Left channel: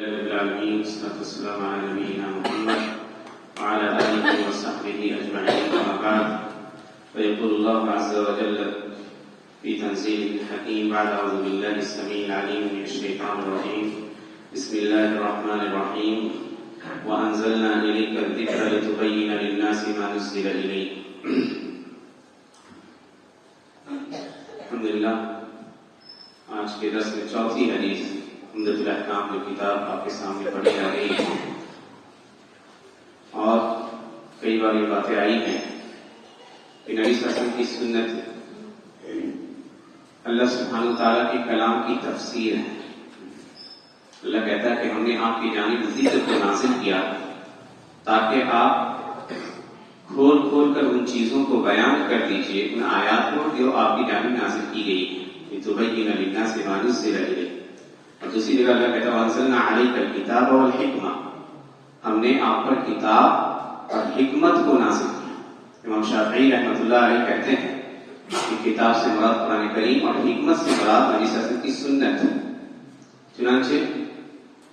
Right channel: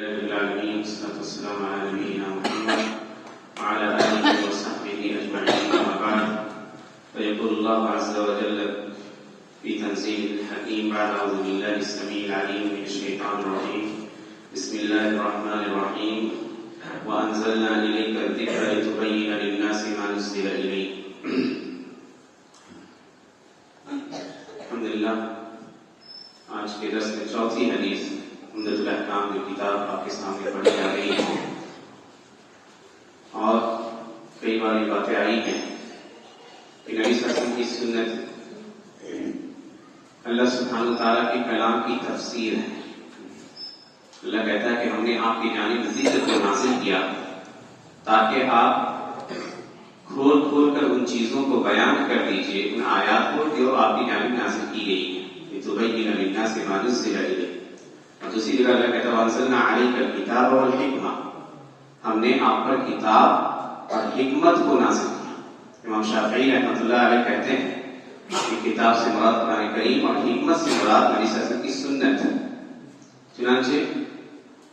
العالمين والصلاة والسلام على نبينا محمد وعلى آله وصحبه أجمعين أما بعد فيقول الله عز وجل في تنزيله الحكيم بعد أعوذ بالله السميع العليم من الشيطان الرجيم بسم الله الرحمن الرحيم وأنزلنا إليك الذكر لتبين للناس ما نزل إليك. الحمدللہ آج کے درس میں چوتھی حدیث عمدۃ الاحکام جو کتاب آپ کے سامنے پڑھی جا رہی ہے، اور کئی بار یہ باتیں آئی ہیں کہ نبی صلی اللہ علیہ وسلم کی سنت اللہ سبحانہ وتعالیٰ کے کلام کی تفسیر ہے. اللہ کہتا ہے کہ ہم نے آپ کی جانب ذکر کو نازل کیا تاکہ آپ کھول کھول کر ان چیزوں کو بیان کر دیجئے، ان آیات کو جو آپ کی جانب نازل کی گئی ہے، لِتُبَيِّنَ لِلنَّاسِ مَا نُزِّلَ إِلَيْهِمْ. اور دوسری جگہ اللہ کہتا ہے وَأَنزَلْنَا عَلَيْكَ الْكِتَابَ وَالْحِكْمَةَ، ہم نے آپ پر کتاب اور حکمت کو نازل کیا. امام شافعی رحمۃ اللہ علیہ کہتے ہیں کہ کتاب سے مراد قرآن کریم اور حکمت سے مراد نبی صلی اللہ علیہ وسلم کی سنت. چنانچہ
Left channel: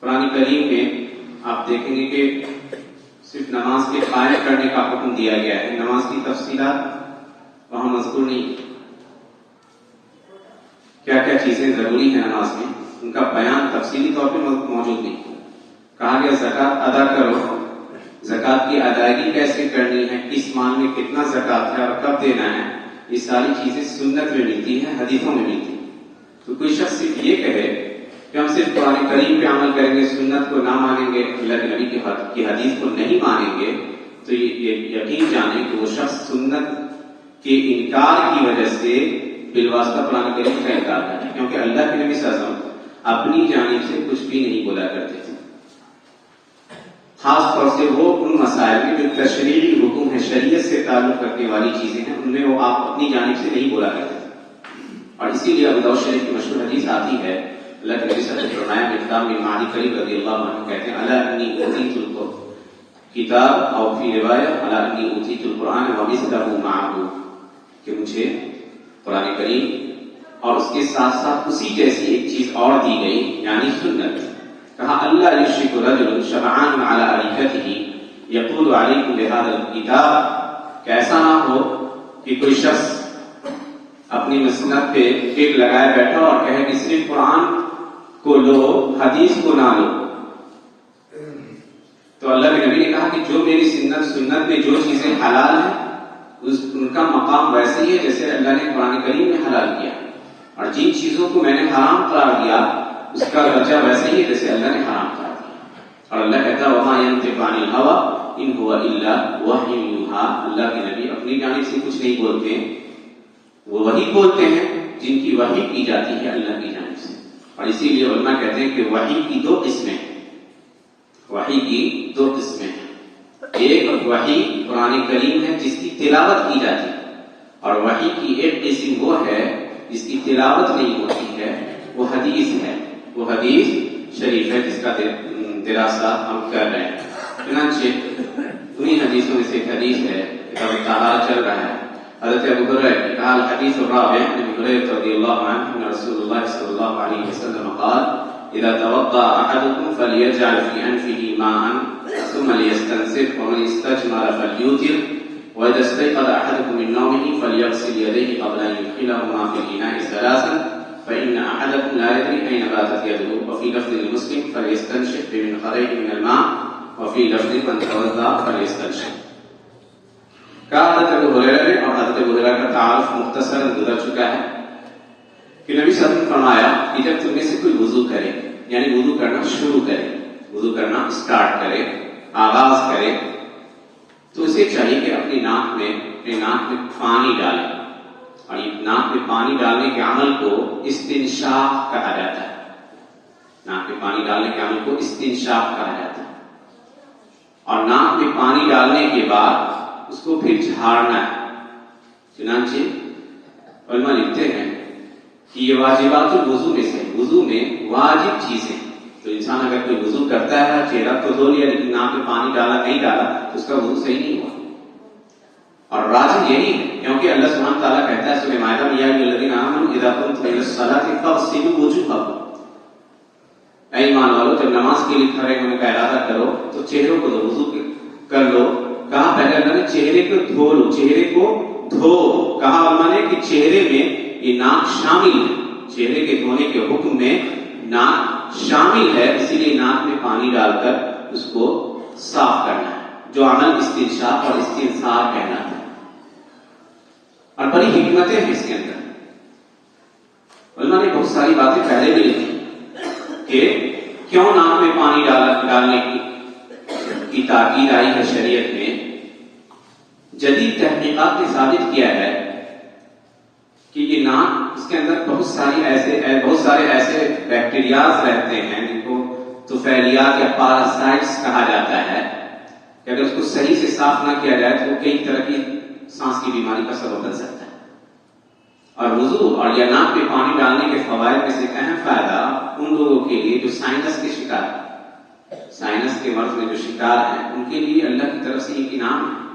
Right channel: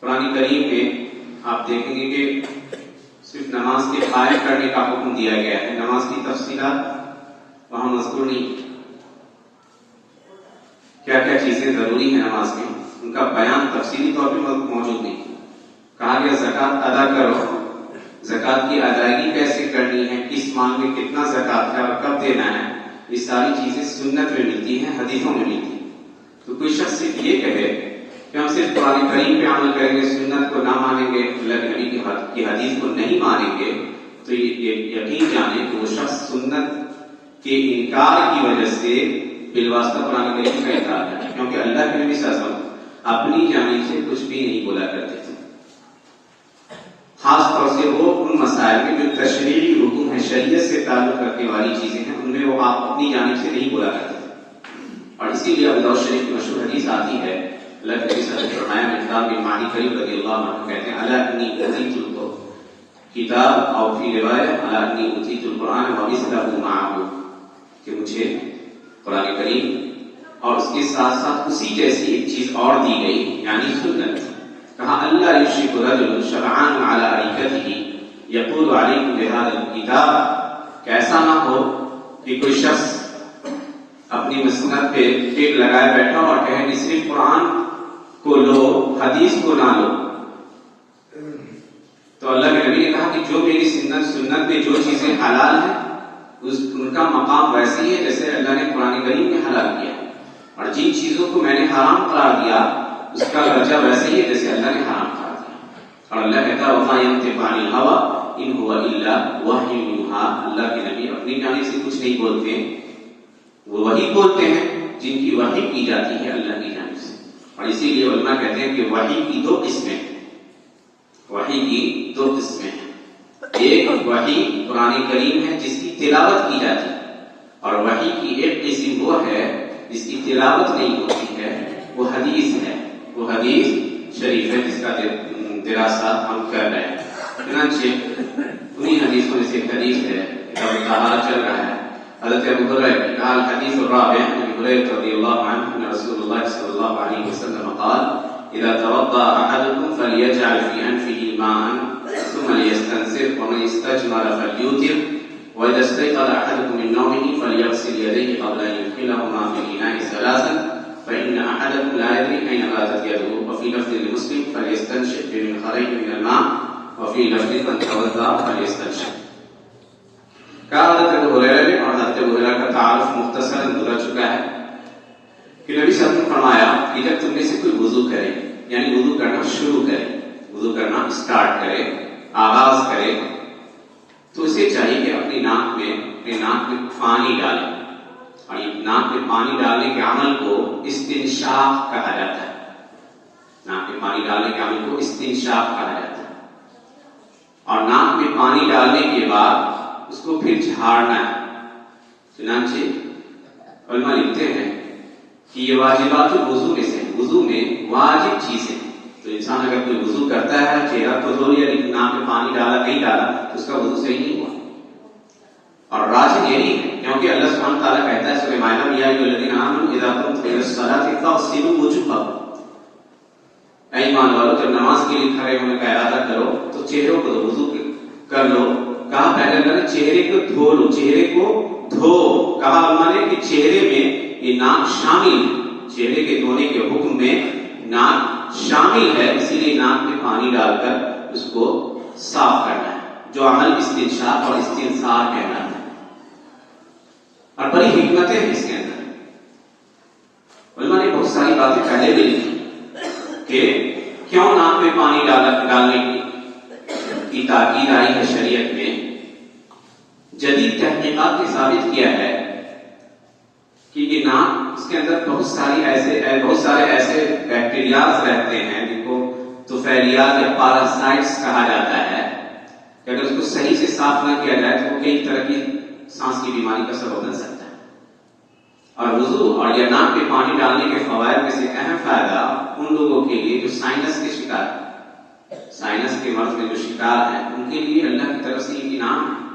قرآن کریم میں آپ دیکھیں گے کہ صرف نماز کے قائم کرنے کا حکم دیا گیا ہے، نماز کی تفصیلات وہاں مذکور نہیں. کیا کیا چیزیں ضروری ہیں نماز میں، ان کا بیان تفصیلی طور پہ موجود نہیں. کہا گیا زکوٰۃ ادا کرو، زکوٰۃ کی ادائیگی کیسے کرنی ہے، کس مال میں کتنا زکوٰۃ ہے اور کب دینا ہے، یہ ساری چیزیں سنت میں ملتی ہیں، حدیثوں میں ملتی ہیں. تو کوئی شخص صرف یہ کہے کہ ہم صرف قرآن کریم پہ عمل کریں گے، سنت کو نہ مانیں گے، اللہ کے نبی کی حدیث کو نہیں مانیں گے، تو یہ یقین جانیں کہ وہ شخص سنت کے انکار کی وجہ سے بالواسطہ قرآن کریم کا انکار کرتا ہے. کیونکہ اللہ کے نبی صلی اللہ علیہ وسلم اپنی جانب سے کچھ بھی نہیں بولا کرتے تھے، خاص طور سے وہ ان مسائل میں جو تشریعی حکم ہے، شریعت سے تعلق رکھنے والی چیزیں ہیں، ان میں وہ آپ اپنی جانب سے نہیں بولا کرتے تھے. اور اسی لیے ابو داؤد شریف کی مشہور حدیث آتی ہے، اللہ کے نبی صلی اللہ علیہ وسلم نے فرمایا، مقدام بن معدی کریم رضی اللہ عنہ کہتے ہیں الا انی اوتیت الکتاب اور فی روایت الا انی اوتیت القرآن ومثلہ معہ، کہ مجھے قرآن کریم اور اس کے ساتھ ساتھ اسی جیسی ایک چیز اور دی گئی، یعنی سنت. کہا اللہ یشرک رجل شبعان علی ارکتہ یقول علیکم بہذا الکتاب، کہ ایسا نہ ہو کہ کوئی شخص اپنی مسند پہ ٹیک لگائے بیٹھا اور کہے کہ صرف قرآن کو لو، حدیث کو نہ لو. تو اللہ کے نبی نے کہا کہ جو میری سنت میں جو چیزیں حلال ہیں ان کا مقام ویسے ہی ہے جیسے اللہ نے قرآن کریم میں حلال کیا، اور جن چیزوں کو میں نے حرام قرار دیا اس کا درجہ ویسے ہی ہے جیسے اللہ نے حرام قرار دیا. اور اللہ کہتا ہے وَمَا يَنطِقُ عَنِ الْهَوَىٰ إِنْ هُوَ إِلَّا وَحْيٌ يُوحَىٰ، اللہ کے نبی اپنی جانب سے کچھ نہیں بولتے، وہ وحی بولتے ہیں جن کی وحی کی جاتی ہے اللہ کی جانب سے. اور اسی لیے علماء کہتے ہیں کہ وحی کی دو قسمیں ہیں، وحی کی دو قسمیں ہیں. ایک وحی قرآن کریم ہے جس کی تلاوت کی جاتی ہے، اور وحی کی ایک قسم وہ ہے جس کی تلاوت نہیں ہوتی ہے، وہ حدیث ہے، وہ حدیث شریف ہے جس کا دراسہ ہم کر رہے ہیں. چنانچہ انہی حدیثوں میں سے ایک حدیث ہے، کتاب الطہارہ چل رہا ہے. حضرت ابو ہریرہ نے کہا الحدیث الرابع عن ابی ہریرہ رضی اللہ عنہ ان رسول اللہ صلی اللہ علیہ وسلم قال اذا توضأ احدكم فليجعل في انفه ماء ثم ليستنثر ومن استجمر فليوتر واذا استيقظ احدكم من نومه فليغسل يديه قبل ان يدخلهما في الاناء ثلاثا فان احدكم لا يدري اين باتت يده وفي لفظ لمسلم فليستنشق بمنخريه من الماء وفي لفظ من توضأ فليستنشق. کہا حضرت ابو ہریرہ نے، اور حضرت ابو ہریرہ کا تعارف مختصراً گزر چکا ہے، کہ نبی صلی اللہ علیہ وسلم نے فرمایا کہ جب تم میں سے کوئی وضو کرے، یعنی وضو کرنا شروع کرے، وضو کرنا اسٹارٹ کرے، آغاز کرے، تو اسے چاہیے کہ اپنے ناک میں پانی ڈالے. اور یہ ناک میں پانی ڈالنے کے عمل کو استنشاق کہا جاتا ہے. ناک میں پانی ڈالنے کے عمل کو استنشاق کہا جاتا ہے. اور ناک میں پانی ڈالنے کے بعد اس کو پھر جھاڑنا ہے. چنانچہ علماء لکھتے ہیں کہ یہ واجبات الوضو میں سے، وضو میں واجب چیزیں. تو انسان اگر کوئی وضو کرتا ہے، چہرہ تو دھو لیا لیکن ناک میں پانی ڈالا نہیں ڈالا، تو اس کا وضو صحیح نہیں ہوا. اور راجح یہی ہے کیونکہ اللہ سبحانہ تعالیٰ کہتا ہے سورہ مائدہ میں یا ایھا الذین آمنوا اذا قمتم الی الصلاۃ فاغسلوا وجوہکم، اے ایمان والو جب نماز کے لیے چہروں کو وضو کر لو. کہا پہلے اللہ نے چہرے کو دھو لو, چہرے کو دھو. کہا اللہ نے کہ چہرے میں یہ ناک شامل ہے, چہرے کے دھونے کے حکم میں ناک شامل ہے, اسی لیے ناک میں پانی ڈال کر اس کو صاف کرنا ہے, جو عمل استنشاق اور استنثار کہنا ہے. اور بڑی حکمتیں ہیں اس کے اندر. علماء نے بہت ساری باتیں پہلے بھی لکھی کہ کیوں ناک میں پانی ڈالنے کی تاکید آئی ہے شریعت میں. جدید تحقیقات نے ثابت کیا ہے کہ یہ ناک, اس کے اندر بہت سارے ایسے بیکٹیریاز رہتے ہیں جن کو طفیلیات یا پاراسائٹس کہا جاتا ہے, کہ اگر اس کو صحیح سے صاف نہ کیا جائے تو وہ کئی طرح کی سانس کی بیماری کا سبب بن سکتا ہے. اور وضو اور یا ناک میں پانی ڈالنے کے فوائد میں سے اہم فائدہ ان لوگوں کے لیے جو سائنس کے شکار ہیں, سائنس کے مرض میں جو شکار ہیں, ان کے لیے اللہ کی طرف سے ایک انعام ہے.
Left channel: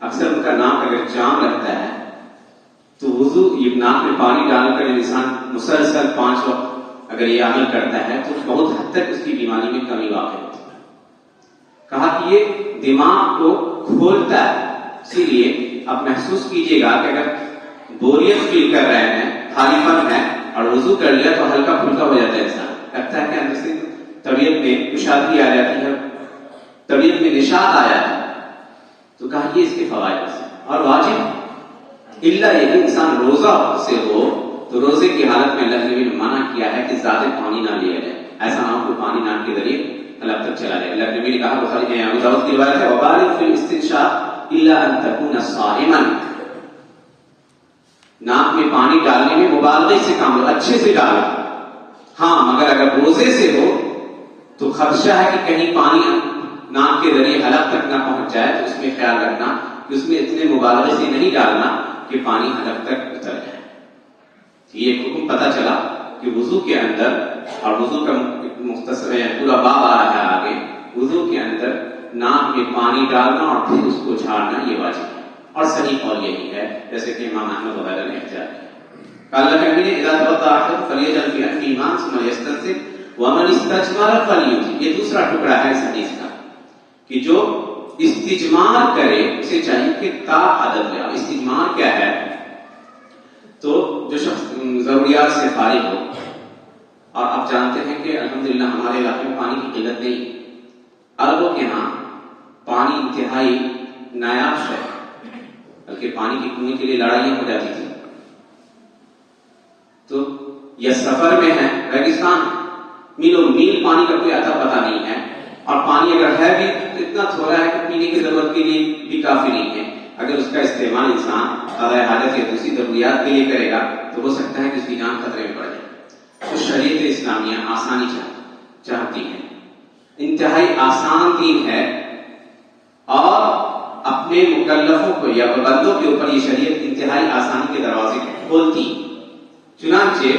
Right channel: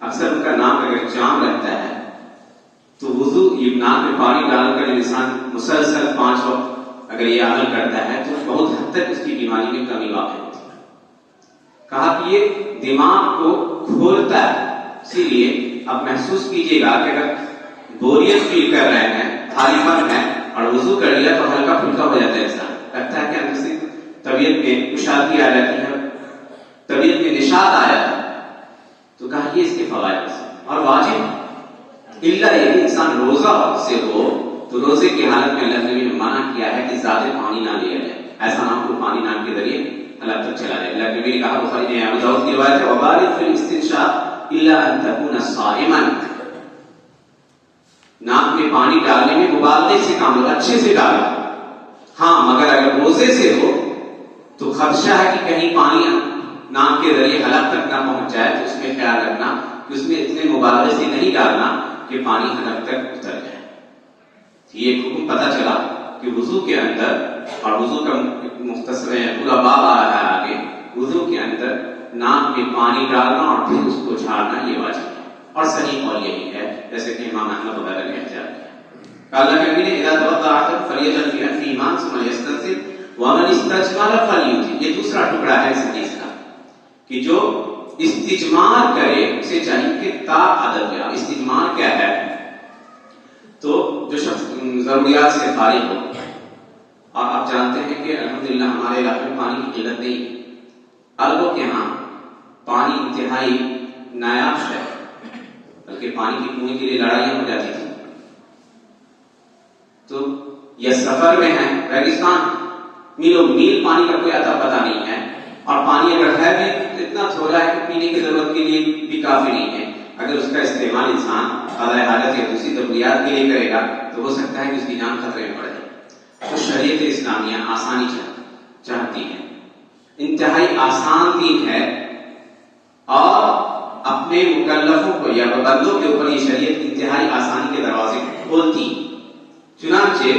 اکثر ان کا ناک اگر جام رہتا ہے تو وضو یہ ناک میں پانی ڈال کر انسان مسلسل 5 وقت اگر یہ عمل کرتا ہے تو بہت حد تک اس کی بیماری میں کمی واقع ہوتی ہے. کہا کہ یہ دماغ کو کھولتا ہے, اسی لیے آپ محسوس کیجئے گا کہ اگر بوریت فیل کر رہے ہیں, خالی پن ہے, اور وضو کر لیا تو ہلکا پھلکا ہو جاتا ہے انسان, لگتا ہے کہ اندر سے طبیعت میں کشادگی آ جاتی ہے, طبیعت میں نشاط آ جاتا ہے. تو کہا یہ اس کے فوائد سے. اور واجب الا یہ کہ انسان روزہ سے ہو تو روزے کی حالت میں اللہ نے منع کیا ہے کہ زیادہ پانی نہ لیا جائے, ایسا نہ ہو کہ پانی ناک کے ذریعے اللہ تک چلا جائے. اللہ نبی نے کہا, بخاری میں ابو داؤد کی روایت ہے, وبارک فی الاستنشاق الا ان تكون صائما, ناک میں پانی ڈالنے میں مبالغے سے کام لو, اچھے سے ڈالو. ہاں مگر اگر روزے سے ہو تو خدشہ ہے کہ کہیں پانی ناک کے ذریعے حلق تک نہ پہنچ جائے, تو اس میں خیال رکھنا کہ اس میں اتنے مبالغے سے نہیں ڈالنا کہ پانی حلق تک اتر جائے. یہ حکم پتہ چلا کہ وضو کے اندر, اور وضو کا مختصر پورا باب آ رہا ہے آگے, وضو کے اندر ناک میں پانی ڈالنا اور پھر اس کو جھاڑنا یہ واجب ہے. اور صحیح قول یہی ہے جیسے کہ امام احمد وغیرہ نے احتجاج کیا. اللہ کے نبی نے اذا توضأ احدكم فليجعل في انفه ماء ثم ليستنثر ومن استجمر فليوتر. یہ دوسرا ٹکڑا ہے اس حدیث کا کہ جو استجمار کرے اسے چاہیے کہ تا عدد لے. استجمار کیا ہے؟ تو جو شخص ضروریات سے فارغ ہو, اور آپ جانتے ہیں کہ الحمدللہ ہمارے علاقے میں پانی کی قلت نہیں, عربوں کے ہاں پانی انتہائی نایاب ہے, بلکہ پانی کی کنویں کے لیے لڑائیاں ہو جاتی تھی. تو یہ سفر میں ہے, ریگستان, میلوں میل پانی کا کوئی اتا پتہ نہیں ہے, اور پانی اگر ہے بھی تو اتنا تھوڑا ہے کہ پینے کی ضرورت کے لیے بھی کافی نہیں ہے. اگر اس کا استعمال انسان قضاء حاجت یا دوسری ضروریات کے لیے کرے گا تو ہو سکتا ہے کہ اس کی جان خطرے میں پڑ جائے. تو شریعت اسلامیہ آسانی چاہتی ہے, انتہائی آسان دین ہے, اور اپنے مکلفوں کو یا بندوں کے اوپر یہ شریعت انتہائی آسانی کے دروازے کھولتی. چنانچہ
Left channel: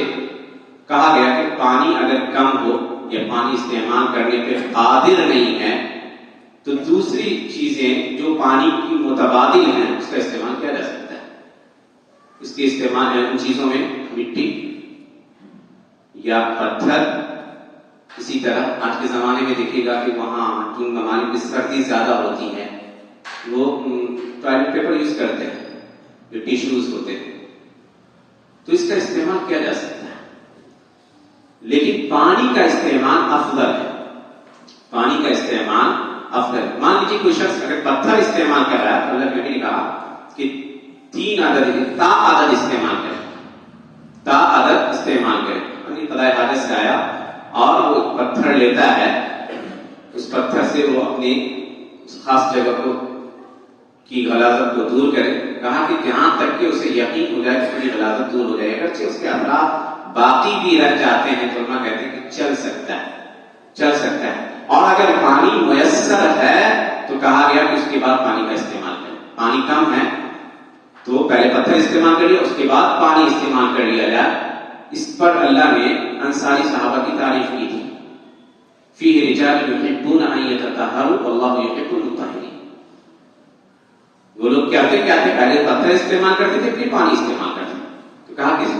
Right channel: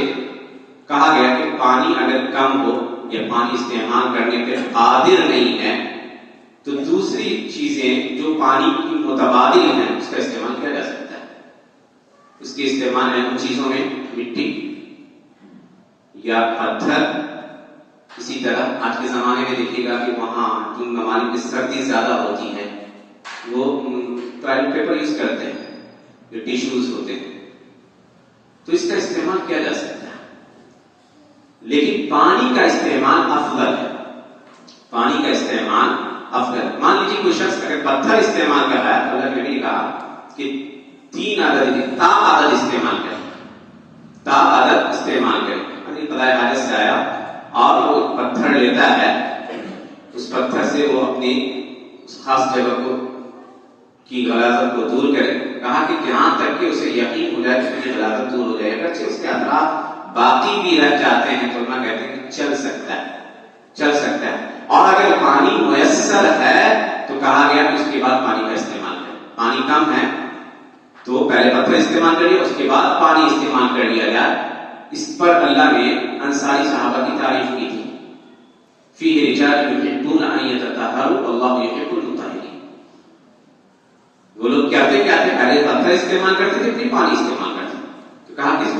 کہا گیا کہ پانی اگر کم ہو یا پانی استعمال کرنے پہ قادر نہیں ہے تو دوسری چیزیں جو پانی کی متبادل ہیں اس کا استعمال کیا جا سکتا ہے. اس کے استعمال ان چیزوں میں مٹی یا پتھر. اسی طرح آج کے زمانے میں دیکھیے گا کہ وہاں جن ممالک میں سردی زیادہ ہوتی ہے وہ ٹوائلٹ پیپر یوز کرتے ہیں, جو ٹیشوز ہوتے ہیں, تو اس کا استعمال کیا جا سکتا ہے. لیکن پانی کا استعمال افضل ہے, پانی کا استعمال افضل. مان لیجیے کوئی شخص اگر پتھر استعمال کر رہا ہے تو اللہ کے نبی نے کہا کہ 3 عدد تا عدد استعمال کرے, تا عدد استعمال کرے. یعنی قضاء حاجت سے آیا اور وہ پتھر لیتا ہے, اس پتھر سے وہ اپنی اس خاص جگہ کو کی غلاظت کو دور کرے. کہا کہ جہاں تک کہ اسے یقین ہو جائے کہ اس کی غلاظت دور ہو جائے, اگرچہ اس کے اثرات باقی بھی رہ جاتے ہیں تو علماء کہتے ہیں کہ چل سکتا ہے. اور اگر پانی میسر ہے تو کہا گیا کہ اس کے بعد پانی کا استعمال کریں. پانی کم ہے تو پہلے پتھر استعمال کریے, اس کے بعد پانی استعمال کر لیا جائے. اس پر اللہ نے انصاری صحابہ کی تعریف کی تھی, فیہ رجال یحبون ان یتطہروا واللہ یحب المطہرین. وہ لوگ کیا تھے پہلے پتھر استعمال کرتے تھے پھر پانی استعمال کرتے تھے. تو کہا کہ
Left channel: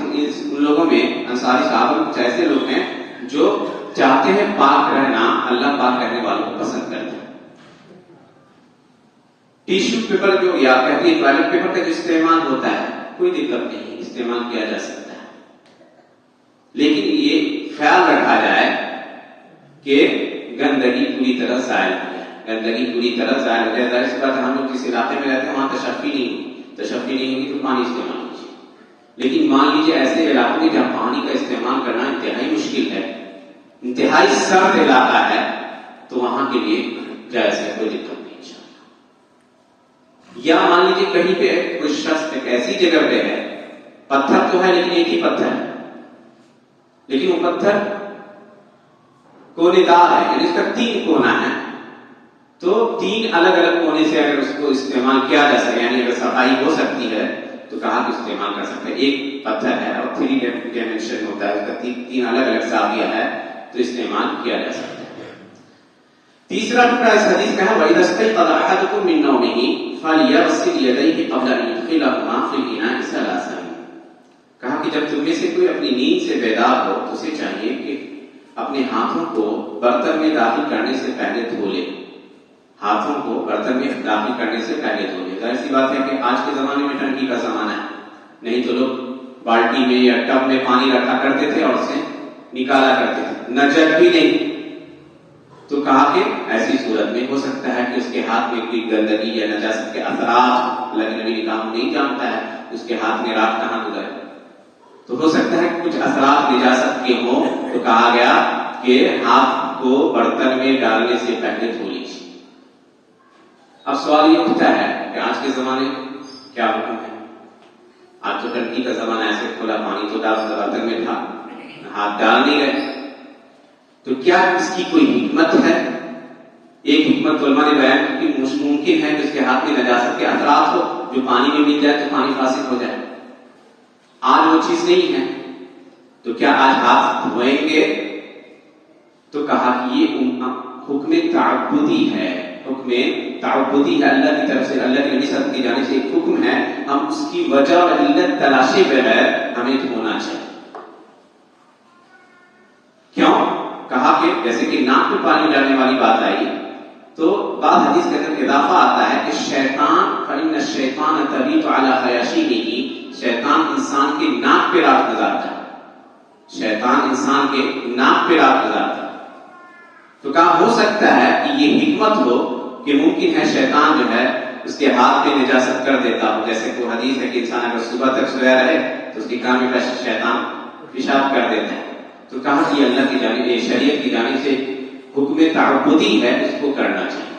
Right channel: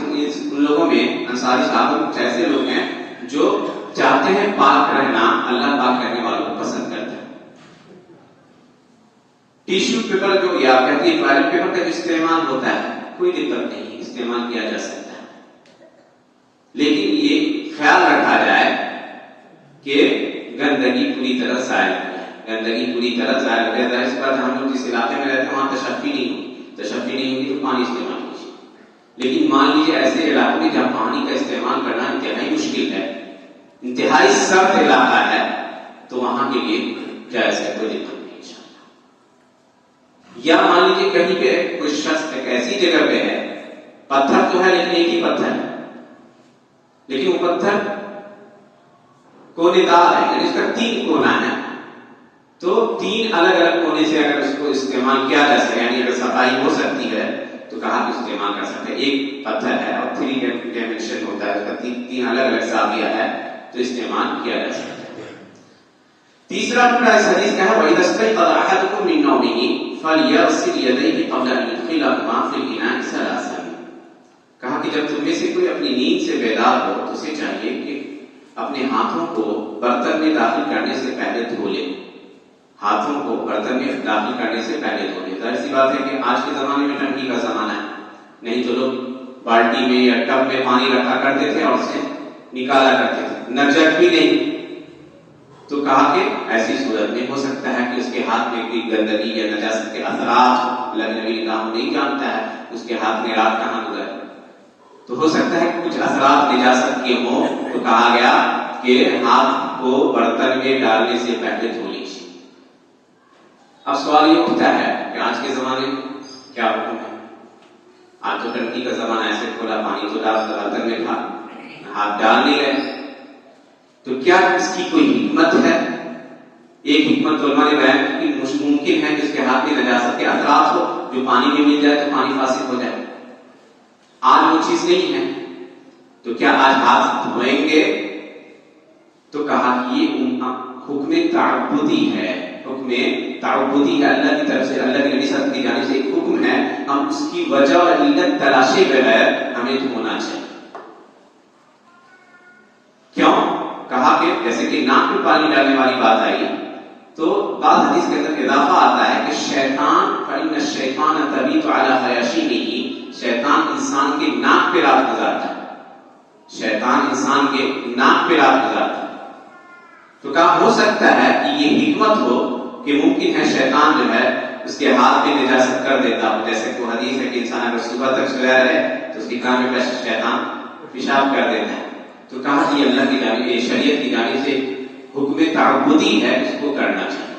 ان لوگوں میں انصاری صحابہ کچھ ایسے لوگ ہیں جو چاہتے ہیں پاک رہنا، اللہ پاک رہنے والوں کو پسند کرتے ہیں۔ ٹیشو پیپر جو یا کہتے ہیں ٹوائلٹ پیپر کا جو استعمال ہوتا ہے کوئی دقت نہیں، استعمال کیا جا سکتا ہے، لیکن یہ خیال رکھا جائے کہ گندگی پوری طرح ظاہر ہو جائے، گندگی پوری طرح ظاہر ہو جائے۔ اس بات ہم لوگ جس علاقے میں رہتے ہیں وہاں تشفی نہیں ہوگی تو پانی استعمال کیجیے، لیکن مان لیجیے ایسے علاقوں میں جہاں پانی کا استعمال کرنا انتہائی مشکل ہے، انتہائی سرد علاقہ ہے، تو وہاں کے لیے جائز ہے، کوئی دقت نہیں انشاءاللہ۔ یا مان لیجیے کہیں پہ کوئی شخص ایک ایسی جگہ پہ ہے، پتھر تو ہے لیکن ایک ہی پتھر ہے، لیکن وہ پتھر کونے دار ہے، یعنی اس کا 3 کونا ہے، تو 3 الگ الگ کونے سے اگر اس کو استعمال کیا جا سکے، یعنی اگر صفائی ہو سکتی ہے تو کہاں تو استعمال کر سکتے ہیں۔ ایک پتھر ہے اور 3 ڈائمینشن ہوتا ہے، اس کا 3 الگ الگ زاویہ ہے، تو استعمال کیا جا سکتا ہے۔ تیسرا ٹکڑا اس حدیث کا ہے وَإِذَا اسْتَيْقَظَ أَحَدُكُم مِّن نَوْمِهِ فَلْيَغْسِلْ يَدَيْهِ قَبْلَ أَن يُدْخِلَهُمَا فِي الْإِنَاءِ ثَلَاثًا۔ کہا کہ جب تم میں سے کوئی اپنی نیند سے بیدار ہو تو اسے چاہیے کہ اپنے ہاتھوں کو برتن میں داخل کرنے سے پہلے دھو لے، ہاتھوں کو برتن میں داخل کرنے سے پہلے دھو لے۔ ظاہر سی بات ہے کہ آج کے زمانے میں ٹنکی کا زمانہ ہے، نہیں تو لوگ بالٹی میں یا ٹب میں پانی رکھا کرتے تھے اور اسے نکالا کرتے تھے، نہ جگ بھی نہیں، تو کہا کہ ایسی صورت میں ہو سکتا ہے کہ اس کے ہاتھ میں کوئی گندگی یا نجاست کے اثرات، لگنے نگاہ نہیں جانتا ہے اس کے ہاتھ میں رات کہاں گزرے، تو ہو سکتا ہے کچھ اثرات نجاست کے ہوں، تو کہا گیا کہ ہاتھ کو برتن میں ڈالنے سے پہلے دھو لیجیے۔ اب سوال یہ اٹھتا ہے کہ آج کے زمانے میں کیا حکم ہے؟ آج تو ٹنکی کا زمانہ، ایسے کھولا پانی تو برتن میں تھا، ہاتھ ڈال نہیں رہے، تو کیا اس کی کوئی حکمت ہے؟ ایک حکمت علماء نے بیان کی کہ ممکن ہے کہ اس کے ہاتھ میں نجاست کے اثرات ہو، جو پانی میں مل جائے تو پانی فاسد ہو جائے۔ آج وہ چیز نہیں ہے، تو کیا آج ہاتھ دھوئیں گے؟ تو کہا کہ یہ حکم تعبدی ہے، حکم تعبدی ہے، اللہ کی طرف سے، اللہ کے نبی صلی اللہ علیہ وسلم کی جانب سے ایک حکم ہے، ہم اس کی وجہ اور علت تلاشے بغیر ہمیں دھونا چاہیے۔ کیوں؟ کہا کہ جیسے کہ ناک میں پانی ڈالنے والی بات آئی، تو بعض حدیث کے اندر اضافہ آتا ہے کہ شیطان فإن الشیطان تبیت علی خیاشیمہ، شیطان انسان کے ناک پہ رات گزارتا ہے، شیطان انسان کے ناک پہ رات گزارتا ہے۔ تو کہا ہو سکتا ہے کہ یہ حکمت ہو کہ ممکن ہے شیطان جو ہے اس کے ہاتھ میں نجاست کر دیتا ہو، جیسے کوئی حدیث ہے کہ انسان اگر صبح تک سویا رہے تو اس کی کان میں شیطان پیشاب کر دیتا ہے، تو کہا کہ اللہ کی جانب، شریعت کی جانب سے حکم تعبدی ہے، اس کو کرنا چاہیے۔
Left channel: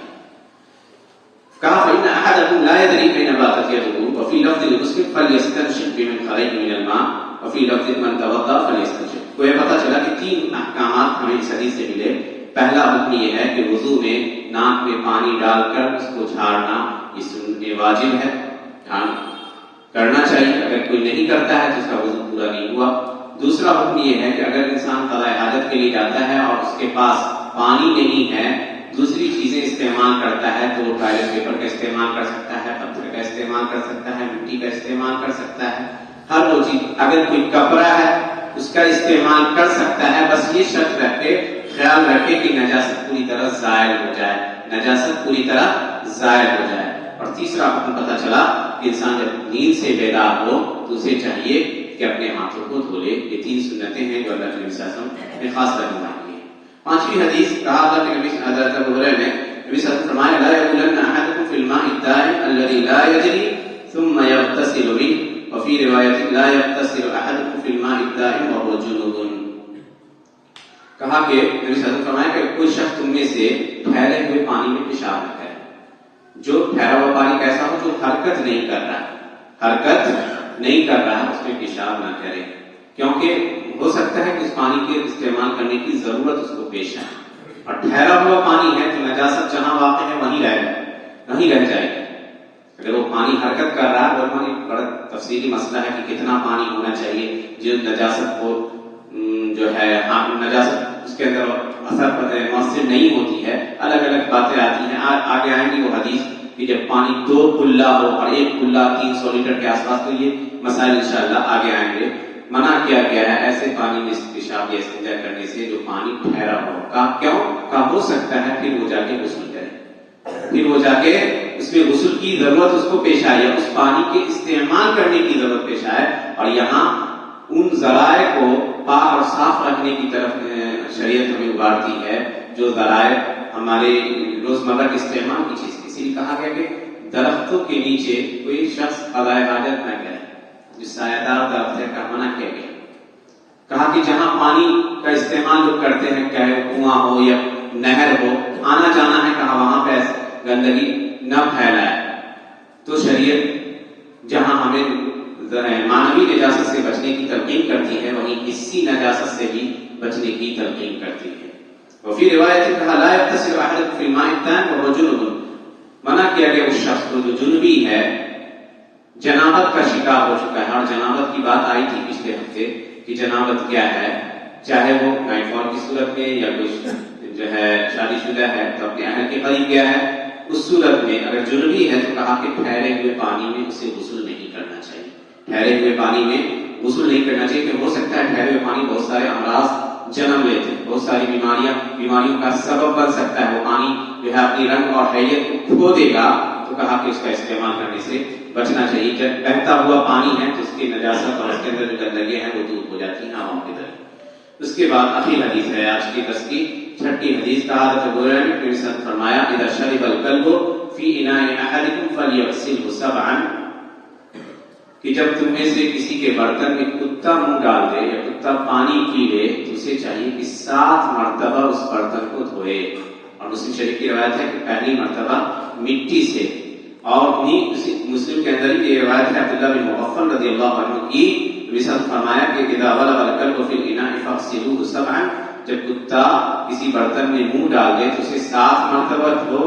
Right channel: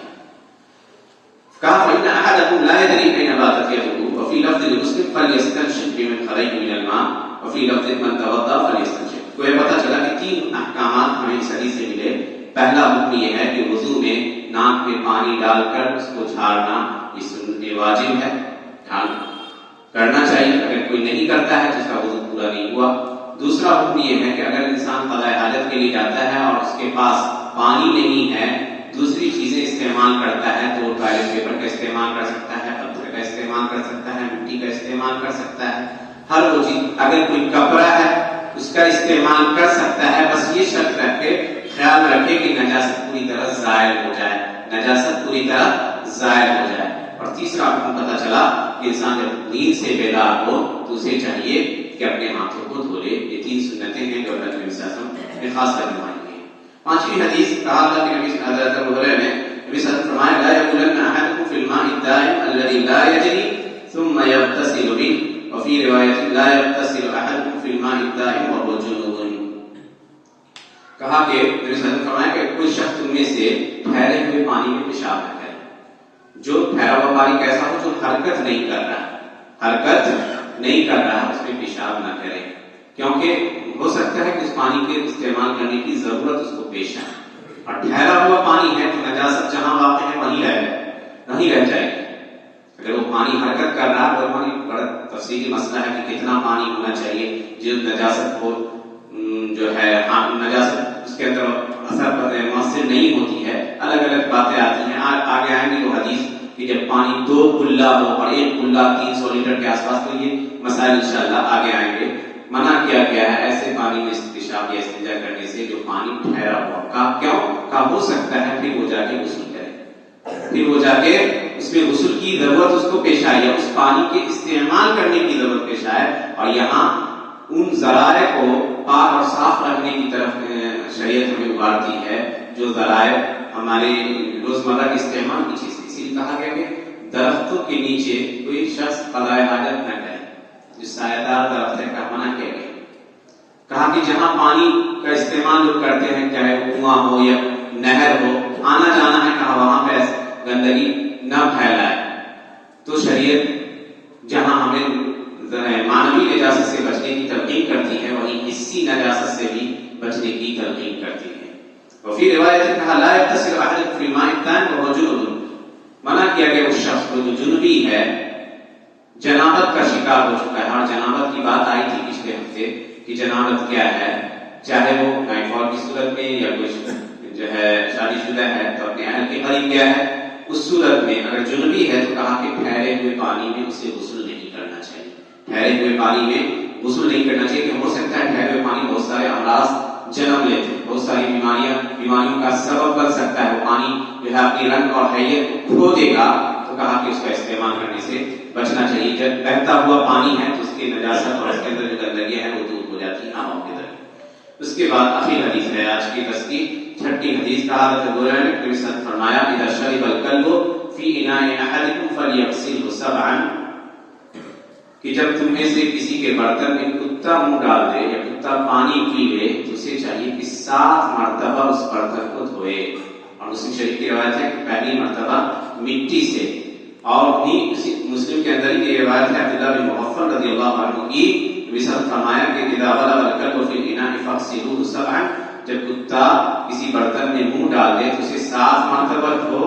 کہا فإن أحدكم لا يدري أين باتت يده وفي لفظ لمسلم فليستنشق بمن خرج من الماء وفي لفظ من توضأ فليستنشق۔ کو یہ پتہ چلا کہ 3 احکامات ہمیں اس حدیث سے ملے۔ پہلا حکم یہ ہے کہ وضو میں ناک میں پانی ڈال کر اس کو جھاڑنا یہ واجب ہے، کرنا چاہیے، اگر کوئی نہیں کرتا ہے تو اس کا وضو پورا نہیں ہوا۔ دوسرا حکم یہ ہے کہ اگر انسان قضاء حاجت کے لیے جاتا ہے اور اس کے پاس پانی نہیں ہے، دوسری چیزیں استعمال کرتا ہے، تو وہ ٹوائلٹ پیپر کا استعمال کر سکتا ہے، پتھر کا استعمال کر سکتا ہے، مٹی کا استعمال کر سکتا ہے، ہر وہ چیز، اگر کوئی کپڑا ہے اس کا استعمال کر سکتا ہے، بس یہ شرط رکھے، خیال رکھے کہ نجاست پوری طرح زائل ہو جائے، نجاست پوری طرح زائل ہو جائے۔ اور تیسرا حکم پتہ چلا کہ انسان جب نیند سے بیدار ہو تو اسے چاہیے کہ اپنے ہاتھوں کو دھو لے۔ یہ 3 سنتیں ہیں جو اللہ کے نبی صلی اللہ علیہ وسلم نے خاص کر فرمائی ہیں۔ 5ویں حدیث کہا اللہ کے نبی حضرت ابو ہریرہ نے نبی صلی اللہ علیہ وسلم فرمایا لا يبولن احدكم في الماء الدائم الذي لا يجري ثم يغتسل منه وفي روایت لا يغتسل احدكم في الماء الدائم وهو جنوب۔ کہا کہ نبی صلی اللہ علیہ وسلم فرمایا کہ کوئی شخص تم میں سے ٹھہرے ہوئے پانی میں پیشاب نہ کرے، جو ٹھہرا ہوا پانی کیسا ہو، جو حرکت نہیں کر رہا، حرکت نہیں کر رہا، اس میں پیشاب نہ کرے، کیونکہ ہو سکتا ہے کہ اس پانی کے استعمال کرنے کی ضرورت اس کو پیش ہے، اور ٹھہرا ہوا پانی ہے تو نجاست جہاں واقع ہے وہیں رہ جائے گی۔ اگر وہ پانی حرکت کر رہا ہے، وہ پانی بڑا تفصیلی مسئلہ ہے کہ کتنا پانی ہونا چاہیے جو نجاست کو جو ہے نجاست اس کے اندر اثر مؤثر نہیں ہوتی ہے، الگ الگ باتیں آتی ہیں، آگے آئیں گی وہ حدیث کہ جب پانی 2 کلّا ہو اور 1 کلّا 300 لیٹر کے آس پاس، تو یہ مسائل انشاءاللہ آگے آئیں گے۔ منع کیا گیا ہے ایسے پانی میں پیشاب یا استنجا کرنے سے جو پانی ٹھہرا ہو. کہا کیوں؟ کہا ہو سکتا ہے پھر وہ جا کے غسل کرے، پھر وہ جا کے اس میں غسل کی ضرورت اس کو پیش آئی، اس پانی کے استعمال کرنے کی ضرورت پیش آئے. اور یہاں ان ذرائع کو پاک اور صاف رکھنے کی طرف شریعت ہمیں ابھارتی ہے جو ذرائع ہمارے روزمرہ کے استعمال کی چیز. اسی لیے کہا گیا کہ درختوں کے نیچے کوئی شخص قضاء حاجت نہ کرے، جو سایہ دار درخت ہے کا منع کیا گیا. کہا کہ جہاں پانی کا استعمال لوگ کرتے ہیں، چاہے کنواں ہو یا نہر ہو، آنا جانا ہے، کہا وہاں پہ گندگی نہ پھیلائے. تو شریعت جہاں ہمیں مانوی نجاست سے بچنے کی تلقین کرتی ہے، وہیں حسی نجاست سے بھی بچنے کی تلقین کرتی ہے. وفی روایت کہا لا یغتسل احدکم فی الماء الدائم وهو جنب، منع کیا گیا اس شخص کو جو جنبی ہے، جنابت کا شکار ہو چکا ہے. اور جنابت کی بات آئی تھی پچھلے ہفتے کہ جنابت کیا ہے، چاہے وہ نائٹ فال کی صورت میں یا کوئی جو ہے شادی شدہ ہے تو اپنے اہل کے قریب گیا ہے، اس صورت میں اگر جنبی ہے تو کہا کہ ٹھہرے ہوئے پانی میں اسے غسل نہیں کرنا چاہیے. ٹھہرے ہوئے پانی میں غسل نہیں کرنا چاہیے کہ ہو سکتا ہے ٹھہرے ہوئے پانی بہت سارے امراض جنم لیتے ہیں، بہت ساری بیماریوں کا سبب بن سکتا ہے. وہ پانی جو ہے اپنی رنگ اور حیت کو کھو دے گا. تو کہا کہ اس کا استعمال کرنے سے بچنا چاہیے. جب بہتا ہوا پانی ہے تو اس کی نجاست اور اس کے اندر جو گندگیاں ہیں وہ دور ہو جاتی ہیں آموں کی طرح. اس کے بعد آخری حدیث ہے آج کی درس کی 6ٹھی حدیث. کہا حضرت ہریرہ نے نبی صلی اللہ علیہ وسلم فرمایا اذا شرب الكلب فی اناء احدکم فلیغسله 7، کہ جب تم میں سے کسی کے برتن میں کتا منہ ڈال دے یا کتا پانی پی لے تو اسے چاہیے کہ 7 مرتبہ اس برتن کو دھوئے. اور مسلم شریف کی روایت ہے کہ پہلی مرتبہ مٹی سے. اور مسلم کے اندر ہی یہ روایت ہے عبداللہ بن مغفل رضی اللہ عنہ کی، نبی صلی اللہ علیہ وسلم فرمایا کہ اذا غلب الكلب فی الاناء فاغسلوه 7، جب کتا کسی برتن میں منہ ڈال دے تو اسے 7 مرتبہ دھو.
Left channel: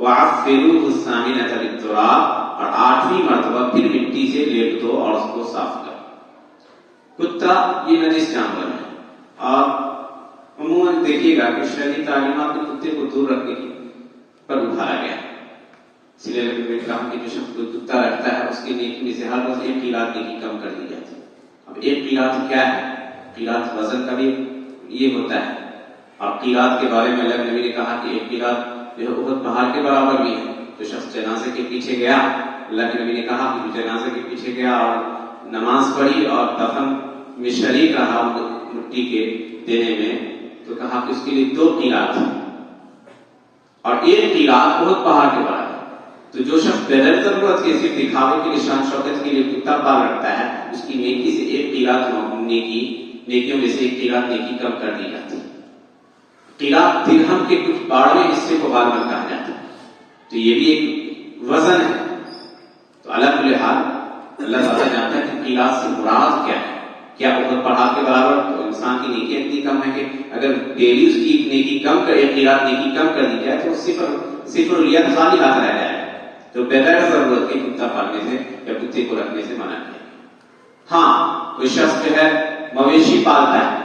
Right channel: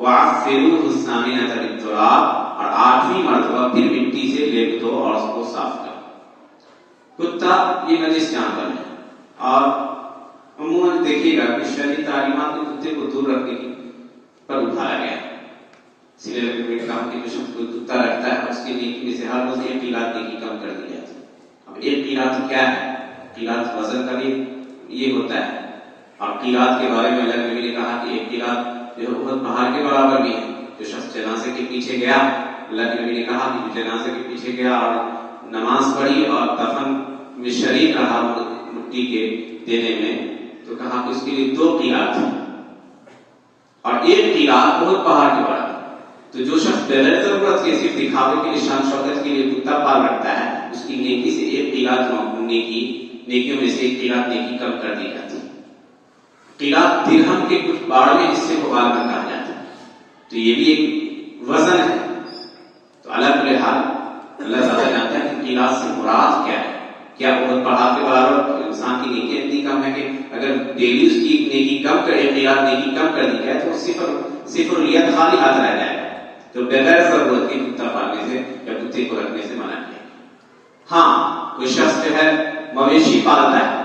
وعفروه الثامنة بالتراب، اور 8ویں مرتبہ پھر مٹی سے لیپ دو اور اس کو صاف کرو. کتا یہ نجس جانور ہے اور عموماً دیکھیے گا کہ شرعی تعلیمات میں کتے کو دور رکھنے پر اٹھایا گیا. اس لیے میں نے کہا کہ جو شخص کوئی کتا رکھتا ہے اس کی نیکی میں سے ہر روز 1 قیراط نیکی کم کر دی جاتی ہے. اب 1 قیراط کیا ہے؟ قیراط وزن کا بھی یہ ہوتا ہے. اور قیراط کے بارے میں اللہ نبی نے کہا کہ 1 قیراط جو ہے احد پہاڑ کے برابر بھی ہے. جو شخص جنازے کے پیچھے گیا، اللہ کے نبی نے کہا کہ جنازے کے پیچھے گیا اور نماز پڑھی اور دفن میں شریک رہا مٹی کے دینے میں، تو کہا کہ اس کے لیے 2 قیراط تھے اور 1 قیراط احد پہاڑ کے برابر. تو جو شخص بغیر ضرورت کے صرف دکھاوے کے نشان شوکت کے لیے کتا پال رکھتا ہے، اس کی نیکی سے 1 قیراط نیکیوں میں سے 1 قیراط نیکی کم کر دی جاتی ہے. قیراط درہم کے کچھ 12ویں حصے کو غالباً کہا جاتا ہے. تو یہ بھی ایک وزن ہے. تو اللہ کل حال اللہ تعالیٰ جانتا ہے کہ قیراط سے مراد کیا ہے. کیا بہت پہاڑ کے برابر تو انسان کی نیکی اتنی کم ہے کہ اگر ڈیلی اس کی نیکی کم کرے، قیراط نیکی کم کر دی جائے تو صفر الید خالی ہاتھ رہ جائے. تو بغیر ضرورت کے کتا پالنے سے یا کتے کو رکھنے سے منع کیا. ہاں کوئی شخص جو ہے مویشی پالتا ہے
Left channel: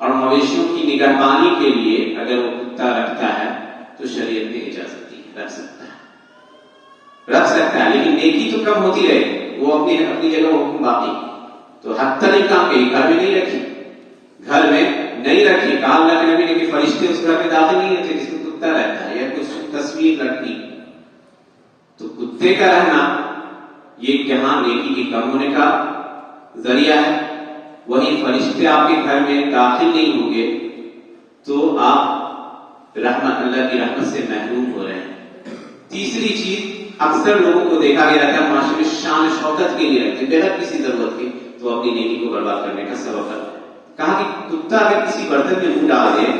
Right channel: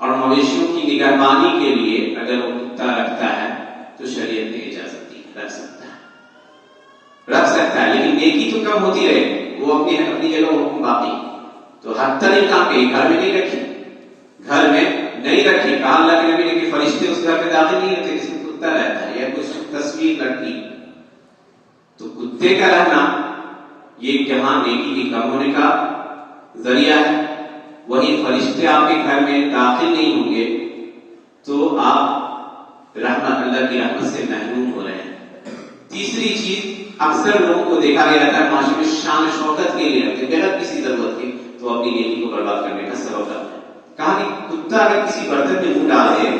اور مویشیوں کی نگہبانی کے لیے اگر وہ کتا رکھتا ہے تو شریعت نے اجازت دی، رکھ سکتا ہے، لیکن نیکی تو کم ہوتی رہے. وہ اپنی جگہ حکم باقی. تو حتی الامکان کے گھر میں نہیں رکھی. کہا اللہ کے نبی نے کہ فرشتے اس گھر میں داخل نہیں ہوتے جس میں کتا رہتا ہے یا کوئی تصویر لڑکی. تو کتے کا رہنا یہ جہاں نیکی کی کم ہونے کا ذریعہ ہے، وہی فرشتے آپ کے گھر میں داخل نہیں ہوں گے تو آپ رحمت اللہ کی رحمت سے محروم ہو رہے ہیں. تیسری چیز، اکثر لوگوں کو دیکھا گیا تھا معاشرے میں شان شوکت کے لیے رکھتے بغیر کسی ضرورت کے، تو اپنی نیکی کو برباد کرنے کا سبب بنتا ہے. کہا کہ کتا اگر کسی برتن میں منہ ڈال دے،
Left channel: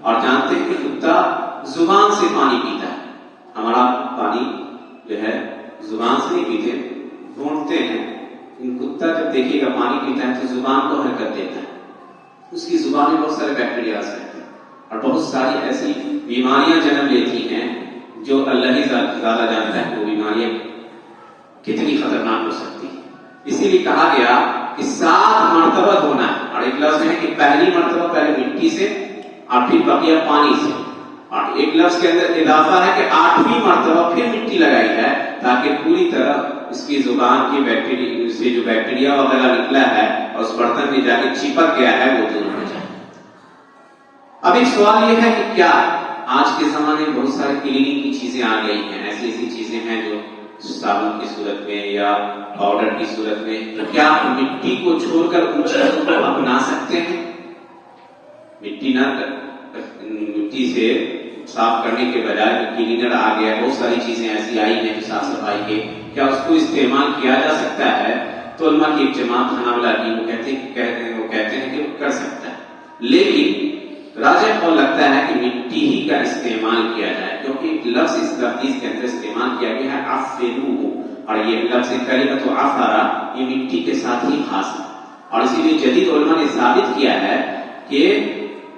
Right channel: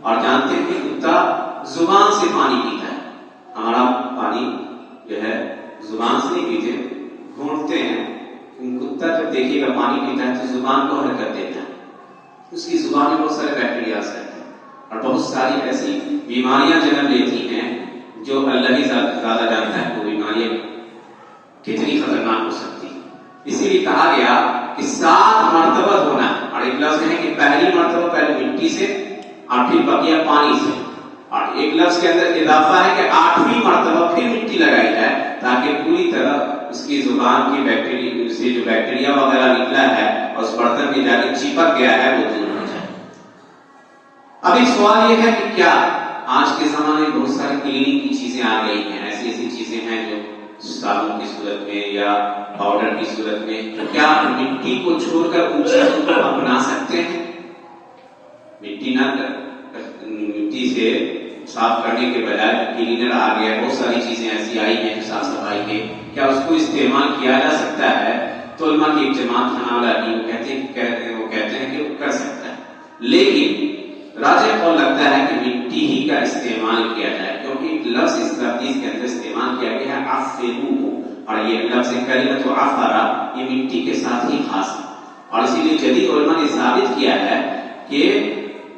اور جانتے ہیں کہ کتا زبان سے پانی پیتا ہے، ہمارا پانی جو ہے زبان سے نہیں پیتے، گھونٹتے ہیں. کتا جب دیکھیے گا پانی پیتا ہے تو زبان کو حرکت دیتا ہے. اس کی زبان میں بہت سارے بیکٹیریا رہتے ہیں اور بہت ساری ایسی بیماریاں جنم لیتی ہیں جو اللہ ہی زیادہ جانتا ہے وہ بیماریاں کتنی خطرناک ہو سکتی ہیں. اسی لیے کہا گیا کہ 7 مرتبہ دھونا ہے. اور ایک لفظ میں ہے کہ پہلی مرتبہ پہلے مٹی سے اور پھر بقیہ پانی سے. اور ایک لفظ کے اندر اضافہ ہے کہ 8ویں مرتبہ پھر مٹی لگائی جائے تاکہ پوری طرح اس کی زبان کی بیکٹیریا سے جو بیکٹیریا وغیرہ نکلا ہے اور اس برتن میں جا کے چپک گیا ہے وہ دور ہو جائے۔ اب ایک سوال یہ ہے کہ کیا آج کے زمانے میں بہت ساری کلیننگ کی چیزیں آ گئی ہیں، ایسی ایسی چیزیں ہیں جو صابن کی صورت میں یا پاؤڈر کی صورت میں، تو کیا مٹی کو چھوڑ کر ان چیزوں کو اپنا سکتے ہیں؟ مٹی سے صاف کرنے کے بجائے کلینر آ گیا، بہت ساری چیزیں ایسی آئی ہیں جو صاف صفائی کے، کیا اس کو استعمال کیا جا سکتا ہے؟ تو علماء کی ایک جماعت حنابلہ کی وہ کہتے ہیں کہ وہ کر سکتا ہے، لیکن راجح قول لگتا ہے کہ مٹی ہی کا استعمال کیا جائے، کیونکہ ایک لفظ اس تفصیل کے اندر استعمال کیا گیا ہے عفرو، اور یہ لفظ کلمۃ عفرا یہ مٹی کے ساتھ ہی خاص ہے، اور اسی لیے جدید علماء نے ثابت کیا ہے کہ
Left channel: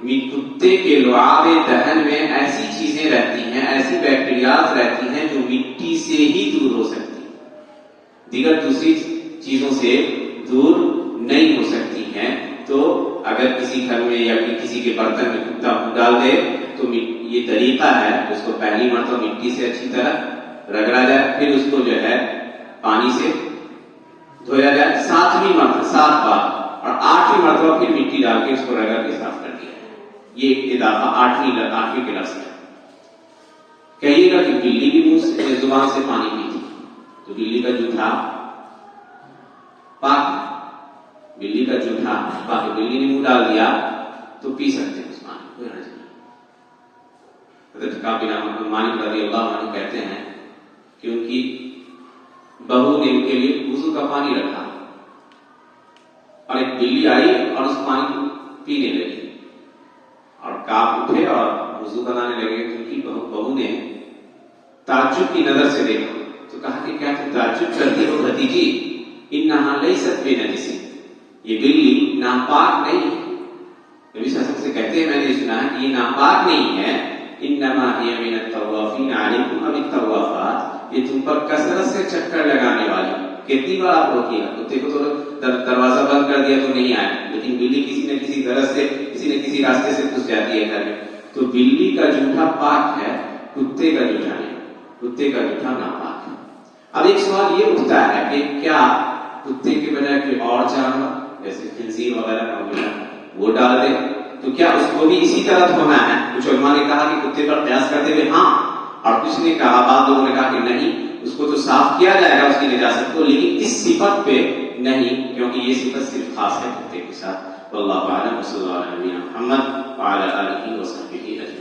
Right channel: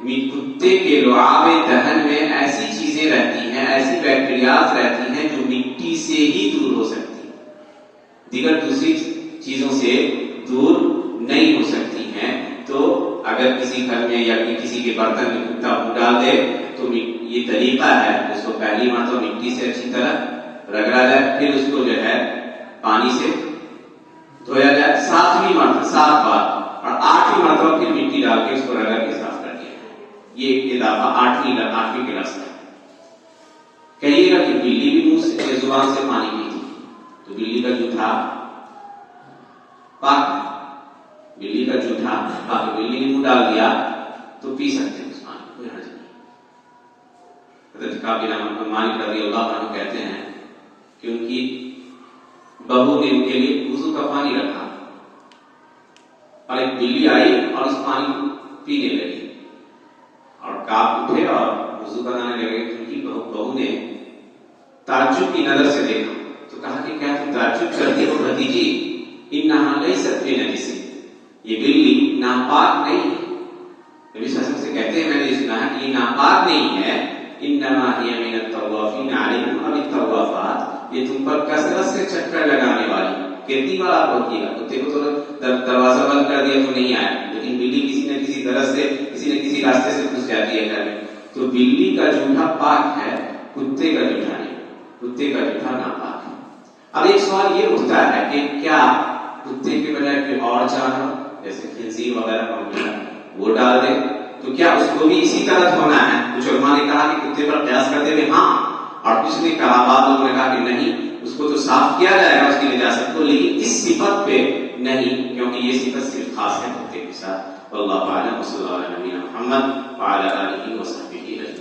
کتے کے لعاب دہن میں ایسی چیزیں رہتی ہیں، ایسی بیکٹیریاز رہتی ہیں جو مٹی سے ہی دور ہو سکتی ہیں، دیگر دوسری چیزوں سے دور نہیں ہو سکتی ہیں۔ تو اگر کسی گھر میں یا کسی کے برتن میں کتا ڈال دے تو یہ طریقہ ہے، اس کو پہلی مرتبہ مٹی سے اچھی طرح رگڑا جائے، پھر اس کو جو ہے پانی سے دھویا جائے 7 بار، اور 8ویں مرتبہ پھر مٹی ڈال کے اس کو رگڑ کے صاف کر دیا جائے۔ یہ اضافہ 8ویں کے لفظ ہے۔ کہیے گا کہ بلی بھی منہ سے زبان سے پانی پیتی، تو بلی کا جوٹھا پاک، بلی کا جوٹھا پاک، بلی نے منہ ڈال دیا تو پی سکتے ہیں اس پانی، کوئی حرج نہیں۔ حضرت کعب بن مالک رضی اللہ عنہ کہتے ہیں کہ ان کی بہو نے ان کے لیے وضو کا پانی رکھا، اور ایک بلی آئی اور اس پانی کو پینے لگی، اور کعب اٹھے اور وضو بنانے لگے، کیونکہ بہو نے تعجب کی نظر سے دیکھا تو کہا کہ کیا تم تعجب کرتی ہو بھتیجی، انہا لیست بنجس، یہ بلی ناپاک نہیں ہے۔ نبی صلی اللہ علیہ وسلم سے کہتے ہیں میں نے سنا ہے کہ یہ ناپاک نہیں ہے، انما ہی من الطوافین علیکم اب الطوافات، یہ تم پر کثرت سے چکر لگانے والی، کتنی بار آپ روکیے گا، کتے کو تو دروازہ بند کر دیا تو نہیں آئے، لیکن بلی کسی نہ کسی طرح سے کسی نہ کسی راستے سے گھس جاتی ہے گھر میں، تو بلی کا جوٹھا پاک ہے، کتے کا جوٹھا نہیں، کتے کا جوٹھا ناپاک ہے۔ اب ایک سوال یہ اٹھتا ہے کہ کیا کتے کے بجائے کوئی اور جانور جیسے خنزیر وغیرہ کا وہ ڈال دے تو کیا اس کو بھی اسی طرح دھونا ہے؟ کچھ علماء نے کہا کہ کتے پر قیاس کرتے ہوئے ہاں، اور کچھ نے کہا، بعض لوگوں نے کہا کہ نہیں، اس کو تو صاف کیا جائے گا اس کی نجاست کو، لیکن اس صفت پہ نہیں، کیونکہ یہ صفت صرف خاص ہے کتے کے ساتھ۔ واللہ اعلم، وصلی اللہ علیہ وسلم محمد وعلی آلہ وصحبہ اجمعین۔